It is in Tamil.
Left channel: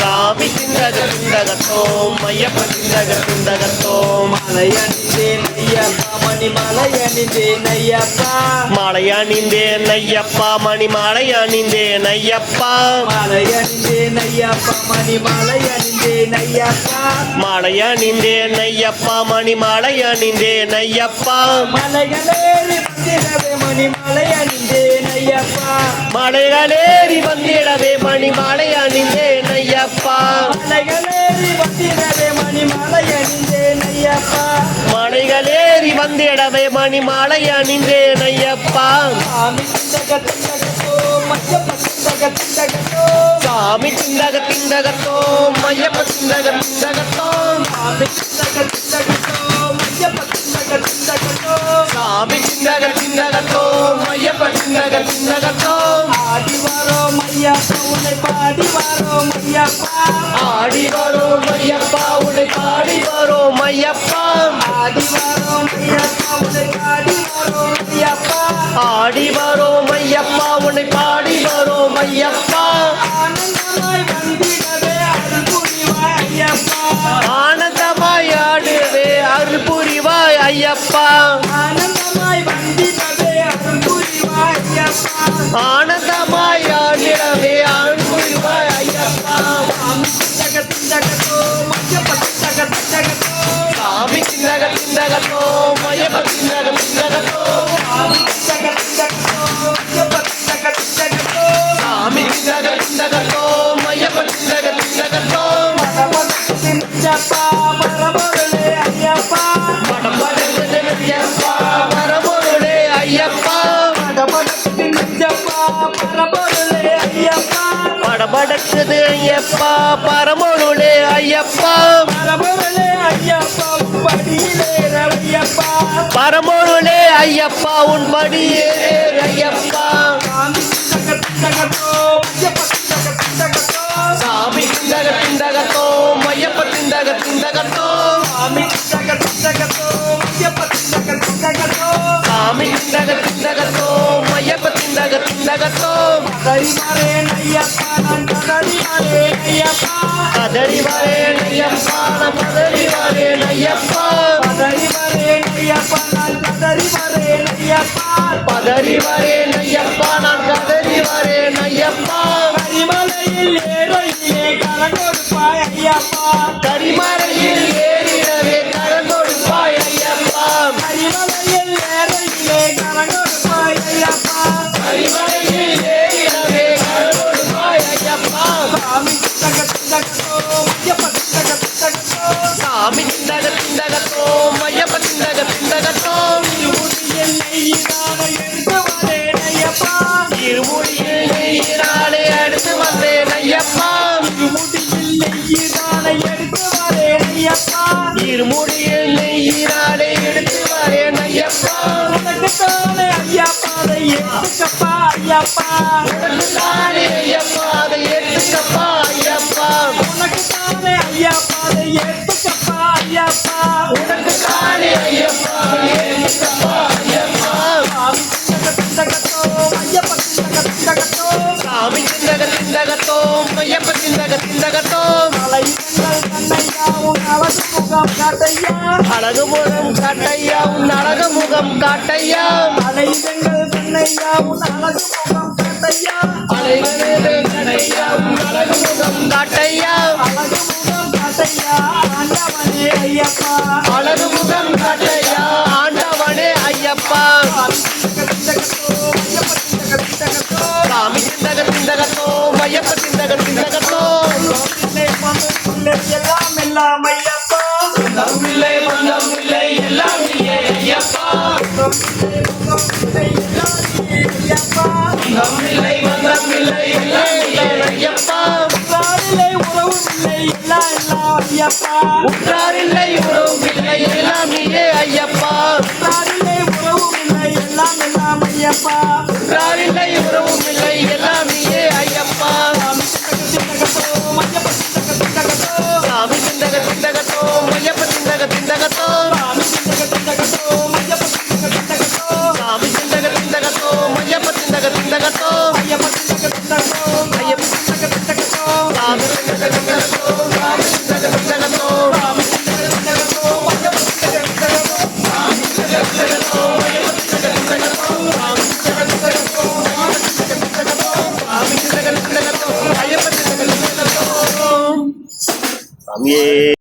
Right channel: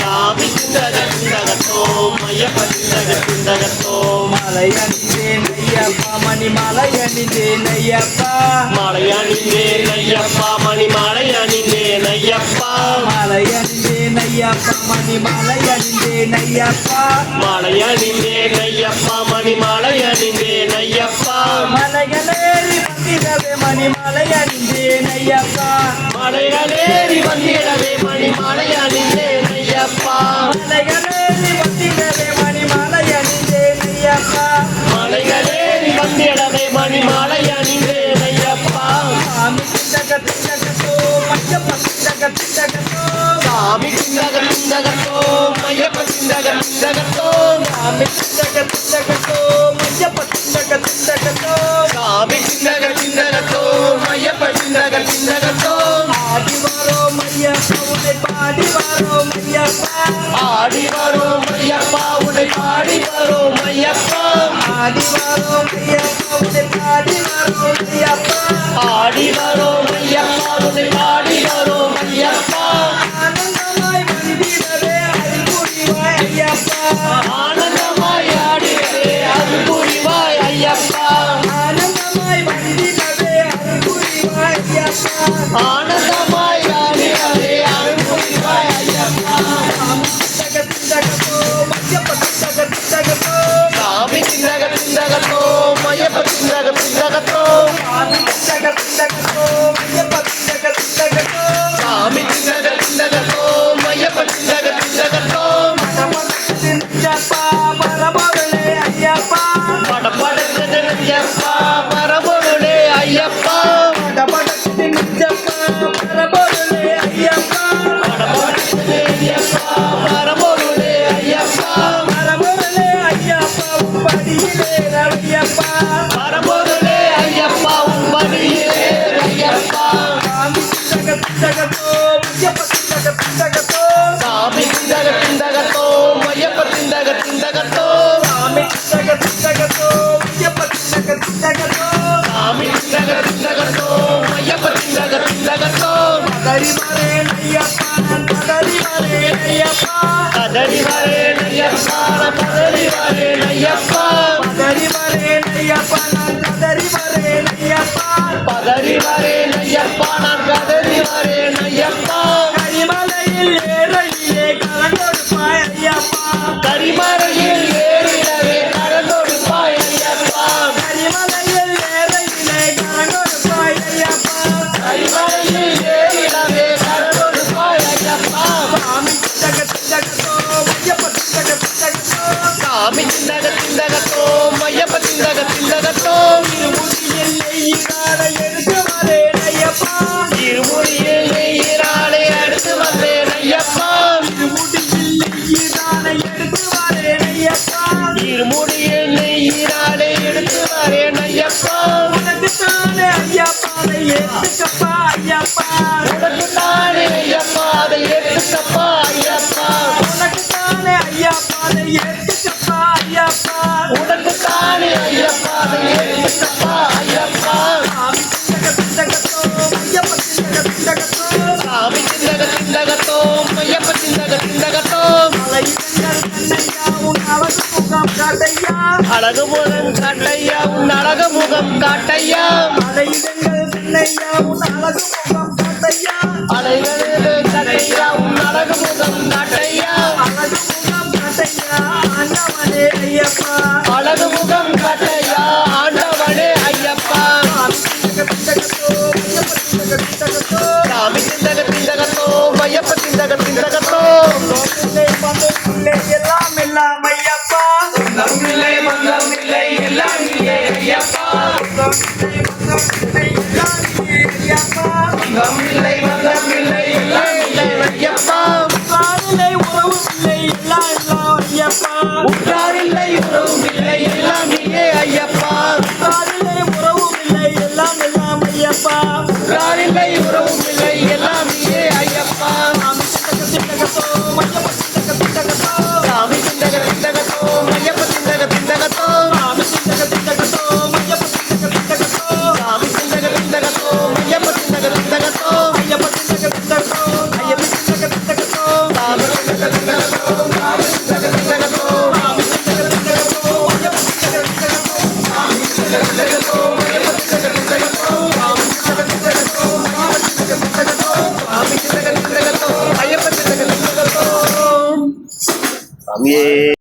சாமி திண்டகத்தோம் ஐயப்ப திண்டகத்தோம் மலையணிந்தேன் ஐயப்பா மணி மலையணிந்தேன் ஐயப்பா மலையணிந்தேன் ஐயப்பா மணி மலையணிந்தேன் ஐயப்பா மலையணிந்தேன் ஐயப்பா மணி மலையணிந்தேன் ஐயப்பா மலையணிந்தேன் ஐயப்பா மணி மலையணிந்தேன் ஐயப்பா மலைகளேறி வந்திடவே மணி மலையணிந்தேன் ஐயப்பா மலைகளேறி வந்திடவே மணி மலையணிந்தேன் ஐயப்பா மலைகளேறி வந்திடவே மணி மலையணிந்தேன் ஐயப்பா மலைகளேறி வந்திடவே மணி மலையணிந்தேன் ஐயப்பா சாமி திண்டகத்தோம் ஐயப்ப திண்டகத்தோம் சாமி திண்டகத்தோம் ஐயப்ப திண்டகத்தோம் சாமி திண்டகத்தோம் ஐயப்ப திண்டகத்தோம் சாமி திண்டகத்தோம் ஐயப்ப திண்டகத்தோம் ஆடி வரோம் ஐயப்பா உன்னை பாடி வரோம் ஐயப்பா ஆடி வரோம் ஐயப்பா உன்னை பாடி வரோம் ஐயப்பா ஆடி வரோம் ஐயப்பா உன்னை பாடி வரோம் ஐயப்பா ஆடி வரோம் ஐயப்பா உன்னை பாடி வரோம் ஐயப்பா ஆனந்தமாய் வந்திடவே அருள் புரிவாய் ஐயப்பா ஆனந்தமாய் ஆடிடவே அருள் புரிவாய் ஐயப்பா ஆனந்தமாய் வந்திடவே அருள் புரிவாய் ஐயப்பா ஆனந்தமாய் ஆடிடவே அருள் புரிவாய் ஐயப்பா சாமி திண்டகத்தோம் ஐயப்ப திண்டகத்தோம் சாமி திண்டகத்தோம் ஐயப்ப திண்டகத்தோம் சாமி திண்டகத்தோம் ஐயப்ப திண்டகத்தோம் சாமி திண்டகத்தோம் ஐயப்ப திண்டகத்தோம் ஐயப்பா பரமகளே ஐயப்பா படபடக்குது ஐயப்பா பரமொருளே ஐயப்பா படபடக்குது நெஞ்சப்பா பரமகளே ஐயப்பா படபடக்குது ஐயப்பா பரமொருளே ஐயப்பா பரமகளே ஐயப்பா படியிலே ஐயப்பா பரமொருளே ஐயப்பா உன் படியே ஐயப்பா சாமி திண்டகத்தோம் ஐயப்ப திண்டகத்தோம் சாமி திண்டகத்தோம் ஐயப்ப திண்டகத்தோம் சாமி திண்டகத்தோம் ஐயப்ப திண்டகத்தோம் சாமி திண்டகத்தோம் ஐயப்ப திண்டகத்தோம் பதறி வரேன் ஐயப்பா நான் பதறி வரேன் ஐயப்பா கதறி வரேன் ஐயப்பா கதறி வரேன் ஐயப்பா பதறி வரேன் ஐயப்பா நான் பதறி வரேன் ஐயப்பா பதறி வரேன் ஐயப்பா நான் கதறி வரேன் ஐயப்பா கரிமலையில் ஏறையிலே கலங்கொடுப்பாய் ஐயப்பா கரிமலையில் ஏறிடவே கலந்தொடுப்பாய் ஐயப்பா கரிமலையில் ஏறையிலே கலங்கொடுப்பாய் ஐயப்பா கரிமலையில் ஏறிடவே கலந்தொடுப்பாய் ஐயப்பா சாமி திண்டகத்தோம் ஐயப்ப திண்டகத்தோம் சாமி திண்டகத்தோம் ஐயப்ப திண்டகத்தோம் திருமுடியில் நெய்யினால எடுத்து வரேன் ஐயப்பா திருமுடியில் நெய்யினாலே அடுத்து வந்தேன் ஐயப்பா திருமுடியில் நெய்யினால எடுத்து வரேன் ஐயப்பா திருமுடியில் நெய்யினாலே எடுத்து வரேன் ஐயப்பா உனக்குத்தானே ஐயப்பா அதை எடுத்துக்கப்பா ஐயப்பா உனக்குத்தானே ஐயப்பா அதை எடுத்துக்கப்பா ஐயப்பா உனக்குத்தானே ஐயப்பா அதை எடுத்துக்கப்பா ஐயப்பா உனக்குத்தானே ஐயப்பா அதை எடுத்துக்கப்பா ஐயப்பா சாமி திண்டகத்தோம் ஐயப்ப திண்டகத்தோம் சாமி திண்டகத்தோம் அழகு முகம் காட்டையா உன் அழகு முகம் காட்டையா மலையிடங்கள் கண்ணையா உன் அழகு முகம் காட்டையா அலைகளே காட்டையா உன் அழகு முகம் காட்டையா அழகு முகம் காட்டையா ஆண்டவனே ஐயப்பா அழகு முகம் காட்டையா ஆண்டவனே ஐயப்பா சாமி திண்டகத்தோம் ஐயப்ப திண்டகத்தோம் எல்லாம் எல்லாம் ஐயப்பா இல்லை மந்தம் இல்லை எல்லாம் இல்லை ஐயப்பா இல்லை மந்தம் இல்லை எல்லாம் இல்லை ஐயப்பா உற்றார் இல்லை உறவும் இல்லை எல்லாம் இல்லை ஐயப்பா உற்றார் இல்லை உறவும் இல்லை எல்லாம் இல்லை ஐயப்பா சாமி திண்டகத்தோம் ஐயப்ப திண்டகத்தோம் சாமி சாமியே